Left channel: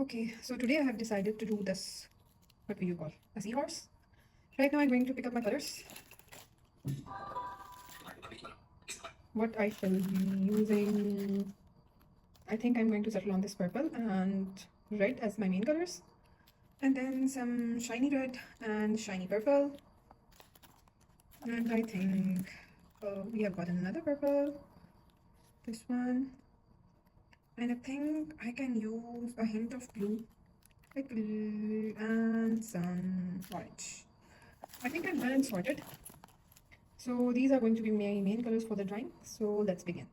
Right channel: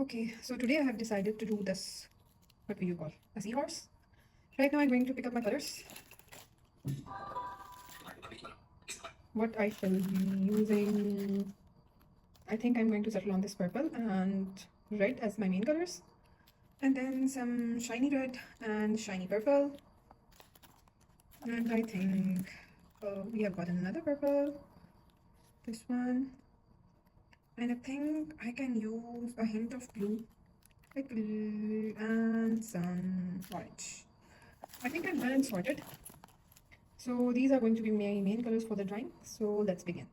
Okay, so today I have decided to do this. What do you call? A seahorse? Right now I'm going to pick up my colors. What I shall be using. I think I'm going to settle on this purple and red as my main colors. And then some shiny red and shiny purple. And I think we have got another purple. This one. And I think I can use a hint of blue. Like blue and some orange. I think I'm done and sorted. So these are going to be my main colors for the drawing. So let's begin.